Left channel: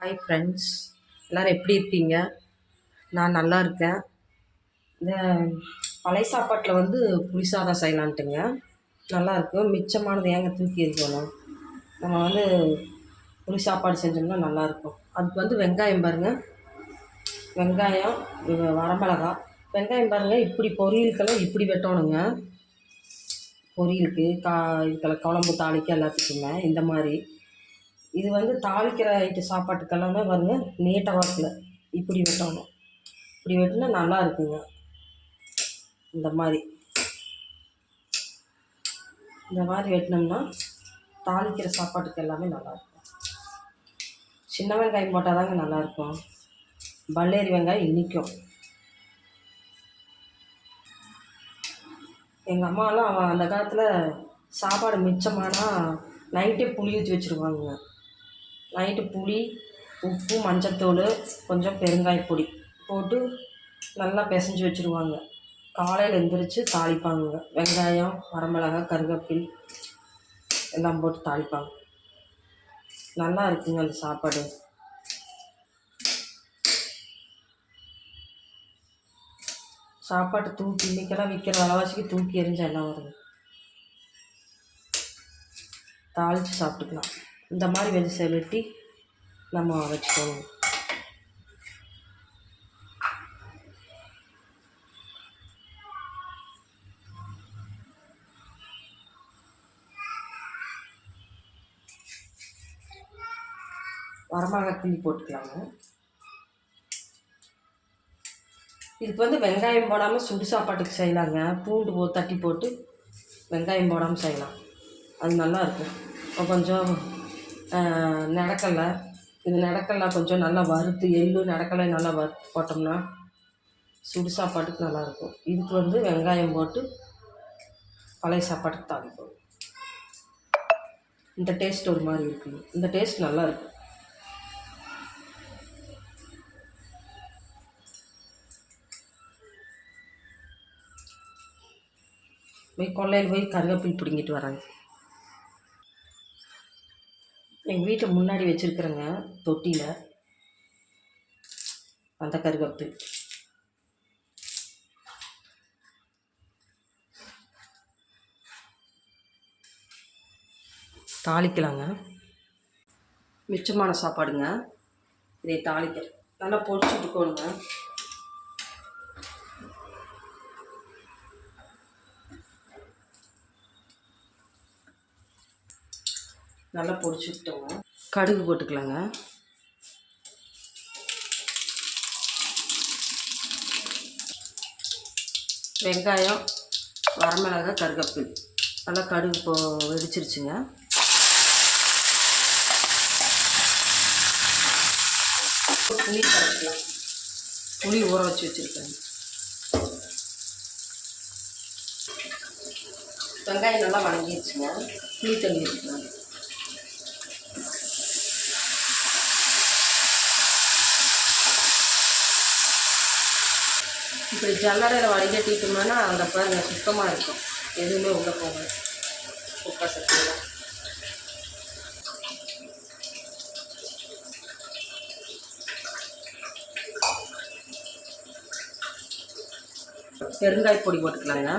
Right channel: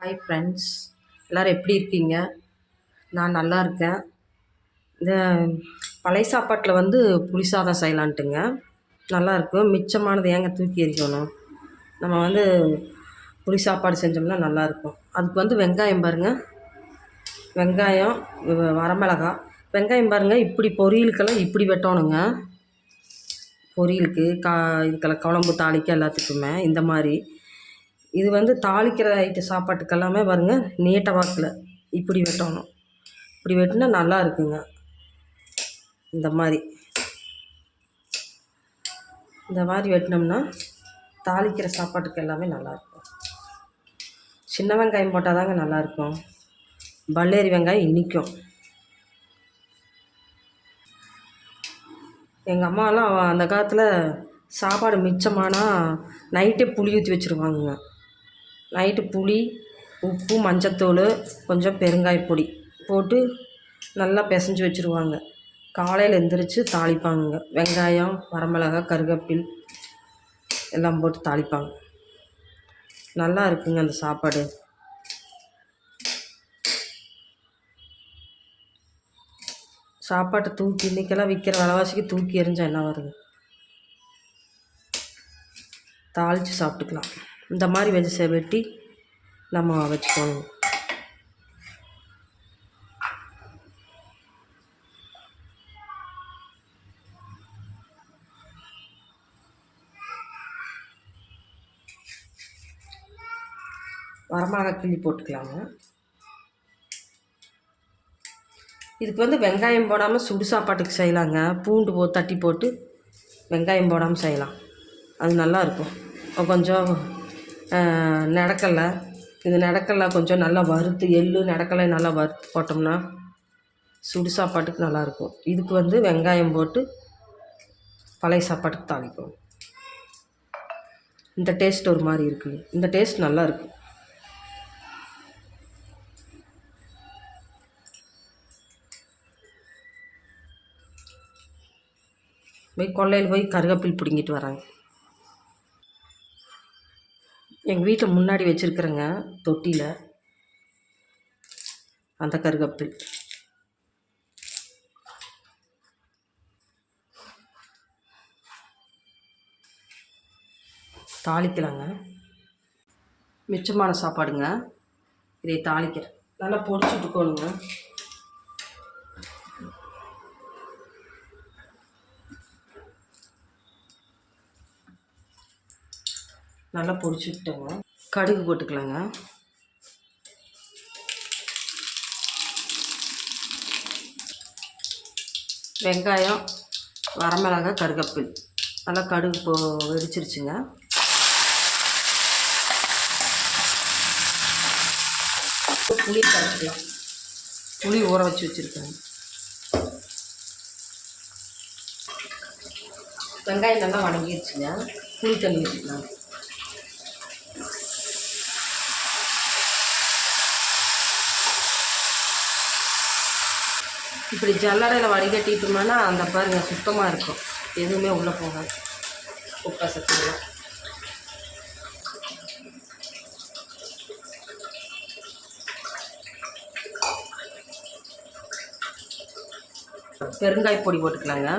Hi friends எல்லோரும் எப்படி இருக்கீங்க? நான் நல்லா இருக்கேன். இந்த பழைய சாப்பாட்டில் வந்து புளி சாதம் செய்யலான்ட்டுங்க. நல்லாயிருக்கும் மிச்சமானது ஏங்க தூக்கி எறிக்கணும்? நம்ம வந்து புளி சாப்பாடு செஞ்சோம்னா நல்லாயிருக்கும் அதுக்கு வந்து வெங்காயம் பாருங்கள் வெங்காயம் வரமிளகா. வெங்காயம் பாருங்கள் இப்படி பொரியலுக்கெல்லாம் இப்படி வெட்டணுங்க. பொரியலுக்கு கா இதுக்கெல்லாம் குழம்பு தாளிக்க எல்லாத்துக்குமே இந்த மாதிரி. இது வந்து தாளிக்கிற ஐட்டு சாப்பாட்டுக்கு எல்லாமே பாருங்க நீட்ட வாக்கில் இப்படி வெட்டணும். இப்படி வெட்டினா நல்லா இருக்குங்க. இந்த மாதிரி. இந்த மாதிரி வெட்டினோம்னா தாளிக்கிற சாப்பாட்டுக்கு எல்லாமே நல்லாயிருக்கும் சின்ன வெங்காயம் போட்டால் தாங்க நல்லாயிருக்கும் பல்லேரி வெங்காயம் இன்றைக்கும் எங்கள் அம்மாலாம் அந்த காலத்தில் சாப்பாடு மிச்சமானா நைட்டே புளி ஊற்றி வச்சுருவாங்கங்க. நைட்டு புளி உப்பு மஞ்சத்தூள் கொஞ்சம் பெருங்காயப்பொடி போட்டு நல்லா பிசைஞ்சு வச்சுருவாங்க. காலையில் எந்திரிச்சு தாளிப்பாங்க வெங்காயம் வரமிளகாய் கருவேப்பில் எல்லாம் போட்டு தாளிப்பாங்க. நல்லா இருக்குங்க அந்த சாப்பாடு. சாப்பாட்டை தூக்கி இன்றைக்கெல்லாம் விற்கிற விலைவாசிக்கு தூக்கி எறிஞ்சா என்ன வருது தாளித்து சாப்பிட்டுக்கலாம். இந்த மாதிரி வெஜ் வெட்டி நம்ம வச்சுக்கணும். வரமிளகா கிள்ளி போட்டுக்கலாங்க. இதுக்கு வந்து வெங்காயம் போடாமல் சுடு சாப்பாட்டுக்கு செய்யலாங்க. பூண்டு போ தட்டி போட்டு வெங்காயம் போடாமல் செய்யலாம். அது நல்லா இருக்கும். கொஞ்சம் நடக்கலை. இது இந்த கொஞ்சம் நல்லா வறுத்து எள்ளு நடக்கலை நல்லா வறுத்து போட்டோம்னா சுடு சாப்பாட்டுக்கு நல்லாயிருக்கும். இதுக்கு வந்து வெங்காயம் போட்டு பழைய சாப்பாட்டுக்கு தாளிக்கும் இந்த டேஸ்ட் ஒரு மாதிரி இருக்குங்க. இந்த டேஸ்ட் நல்லா இருக்கும் போய் கொல்லையில் போய் கருவேப்பில் பிடுங்கிட்டு வராங்க. எங்கள் வீட்டில் முன்னாடி வச்சுருக்குறேங்க தொட்டியில். அந்த கருகப்பில் தாளிக்கலாங்க. மிச்சமான சாப்பாடுங்க. இதை தாளிக்கிறேன். நல்லா பொடிச்சு விட்டுக்கோணுங்க நல்லா பொரிச்சு கடுகு போட்டுக்கலாங்க. வெங்காயம் வரமிளகாய் கருகப்பில். நல்லா கடுகு போ வெடிச்சிருச்சுங்க. புளி கரைச்சிக்கலாம். புளி ஊற வச்சு வச்சுருக்கேன். வெங்காயம் நல்லா வணங்கிடுச்சுங்க புளி தண்ணி வச்சுக்கலாம் இப்படி ஜல்லடையில் வடிகட்டிட்டோம்னா அந்த பாருங்கள் சுத்தமாக இருக்கும். எதுவுமே உள்ளே போகாது. குப்பை சத்துலாம் பெருங்காய பொடி போட்டுக்கலாங்க.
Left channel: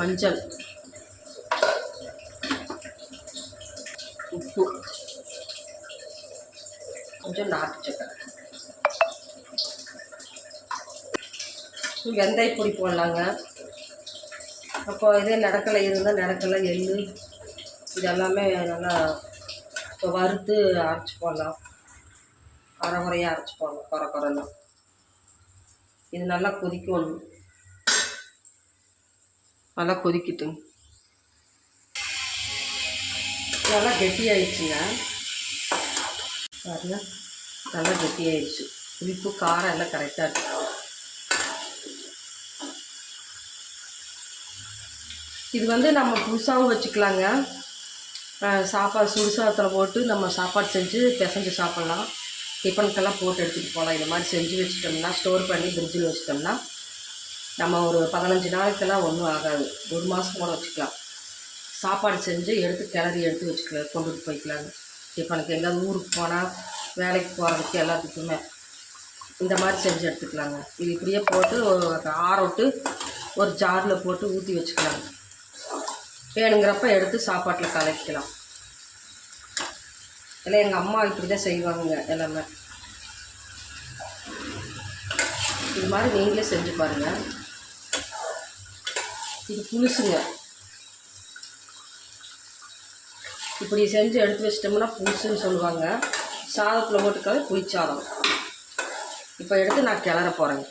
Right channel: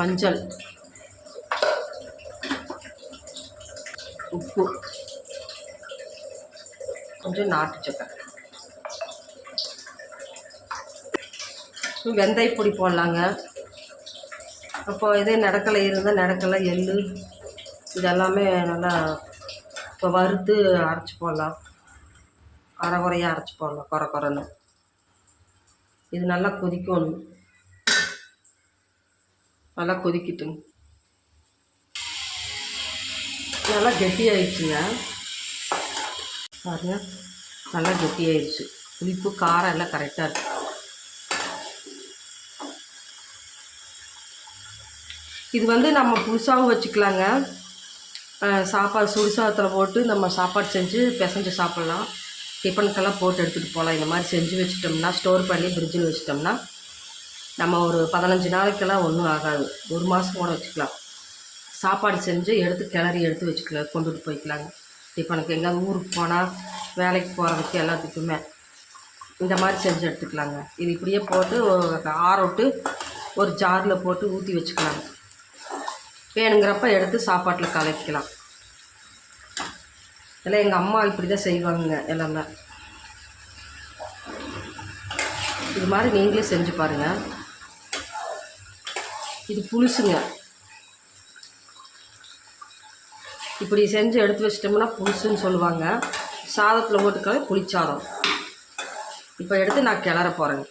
மஞ்சள். உப்பு. கொஞ்சம் நாட்டு சக்கரை. வெந்தய பொடி போடலாங்க. அப்போ இதே நடக்கலை இருந்தால் நடக்கலை எள்ளு இதெல்லாமே நல்லா இப்போ வறுத்து அரைச்சி போடலாம். அரை குறையாக அரைச்சி போடலாம் குறை குறைன்னு. இது நல்லா கொதிக்கணும். நல்லா கொதிக்கட்டுங்க நல்லா கெட்டியாயிடுச்சுங்க. பாருங்க நல்லா கெட்டியாயிடுச்சு. புளிப்பு காரம் எல்லாம் கரெக்டாக இருக்கு. இது வந்து நம்ம புதுசாகவும் வச்சுக்கலாங்க. சாப்பாடு சுடு சாதத்தில் போட்டு நம்ம சாப்பாடு செஞ்சு பிசைஞ்சு சாப்பிட்லாம். டிஃபனுக்கெல்லாம் போட்டு எடுத்துகிட்டு போகலாம். இந்த மாதிரி செஞ்சு வச்சுட்டோம்னா ஸ்டோர் பண்ணி ஃப்ரிட்ஜில் வச்சுட்டோம்னா நம்ம ஒரு பதினஞ்சு நாளைக்கெல்லாம் ஒன்றும் ஆகாது. ஒரு மாதம் கூட வச்சுக்கலாம். சாப்பாடு செஞ்சு எடுத்து கிளறி எடுத்து வச்சுக்கலாம் கொண்டுட்டு போய்க்கலாங்க. இப்போ எனக்கு எங்கேயாவது ஊருக்கு போனால் வேலைக்கு போகிறதுக்கு எல்லாத்துக்குமே இந்த மாதிரி செஞ்சு எடுத்துக்கலாங்க. இது இப்படியே போட்டு ஆரோட்டு ஒரு ஜாரில் போட்டு ஊற்றி வச்சுக்கலாங்க. வேணுங்கிறப்ப எடுத்து சாப்பாட்டில் கலக்கிக்கலாம். இல்லை எங்கள் அம்மா இப்படி தான் செய்வாங்க எல்லாமே. இது மாதிரி நீங்களே செஞ்சு பாருங்கள் இது புளிசுங்க இப்படி செஞ்சு எடுத்து வச்சிட்டோம்னா புளிசுன்னு சொல்லுவாங்க. சாதத்தில் போட்டுக்கால புளிச்சாதம். இப்போ எடுத்து நான் கிளற போகிறேங்க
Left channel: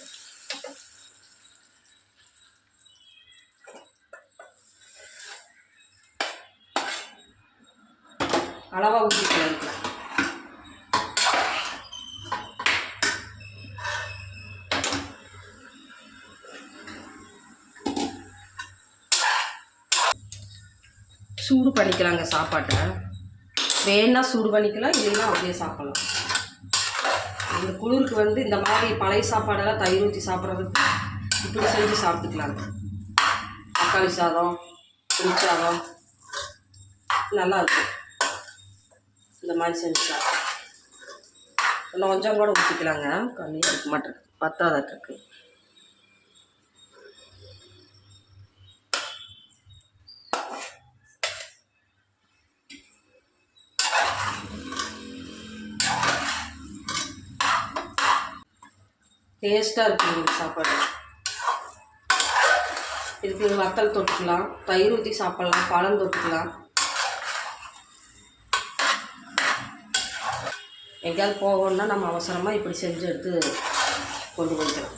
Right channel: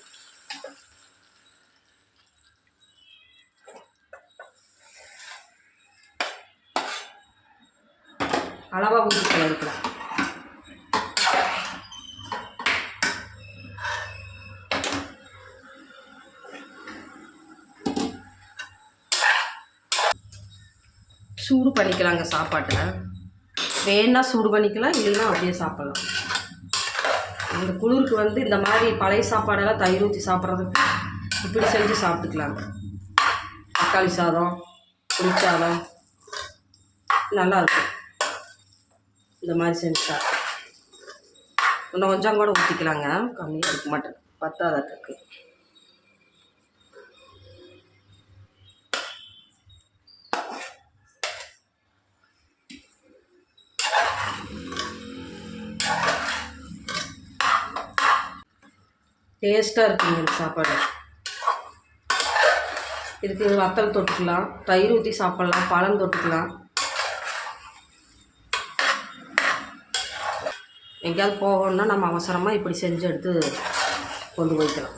சூடு பண்ணிக்கலாங்க சாப்பாட்டை. வேணா சூடு பண்ணிக்கலாம் இல்லைன்னா அப்படியே சாப்பிடலாம். இந்த குளிருக்கு வந்து இந்த மாதிரி பழைய சாப்பாடெல்லாம் தயிர் ஊற்றி சாப்பிட்றதுக்கு இப்படி செஞ்சு சாப்பிட்டுக்கலாங்க. தக்காளி சாதம் புளிச்சாதம் நல்லா இருக்கும். இந்த மாதிரி செஞ்சு சாப்பிட்டு இன்னும் கொஞ்சம் கூட ஊற்றிக்கலாங்க கம்மியாக இருக்க மாட்டேன் பத்தாதட்டுருக்கு டேஸ்ட்டாக இருக்குது இந்த சாப்பாடு. இதுக்கு வத்தல் தொட்டுக்கலாம் தயிர் ஊற்றி சாப்பிட்லாம் பழம் தொட்டுக்கலாம். எங்கேயாவது போகணுன்னா நம்ம அவசரமாக இப்படி செஞ்சு எடுத்து கொண்டு போய்க்கலாம்.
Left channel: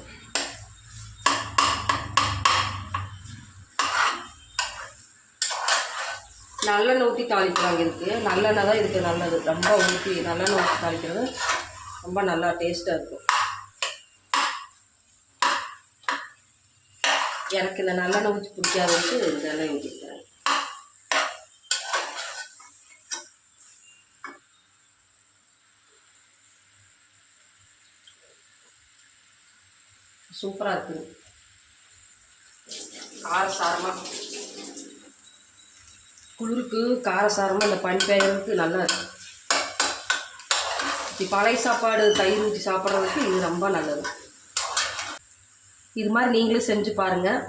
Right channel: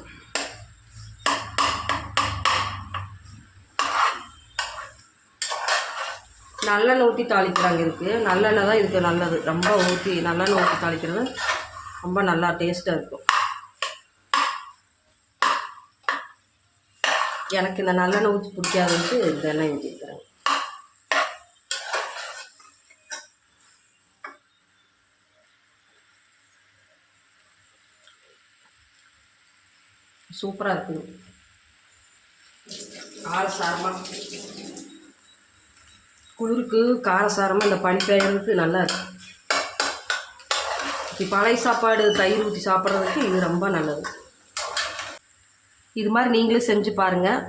நல்லெண்ணெய் ஊற்றி தாளிக்கிறாங்க இதுக்கு. நல்லெண்ணெய் தான் இதுக்கு நல்லது. ரொம்ப ஊற்றி நல்லெண்ணெய் ஊற்றி தாளிக்கிறது ரொம்ப நல்லா டேஸ்ட்டாக இருக்கும். எனக்கு இந்த நல்லெண்ணெய் ஊற்றி பிடிக்காதுன்ட்டு இந்த எண்ணெய் ஊற்றிக்கிறேன் சூப்பராக இருக்குது காரசாரமாக குளிருக்கு காரசாரமாக இந்த பனி பெய்யறதுக்கு நல்லா இருக்கு. பழைய சாப்பாடு தயிர் ஊற்றி சாப்பிட்றதுக்கு இது ரொம்ப நல்லது. இது மாதிரி நீங்களும் செஞ்சு பாருங்கள்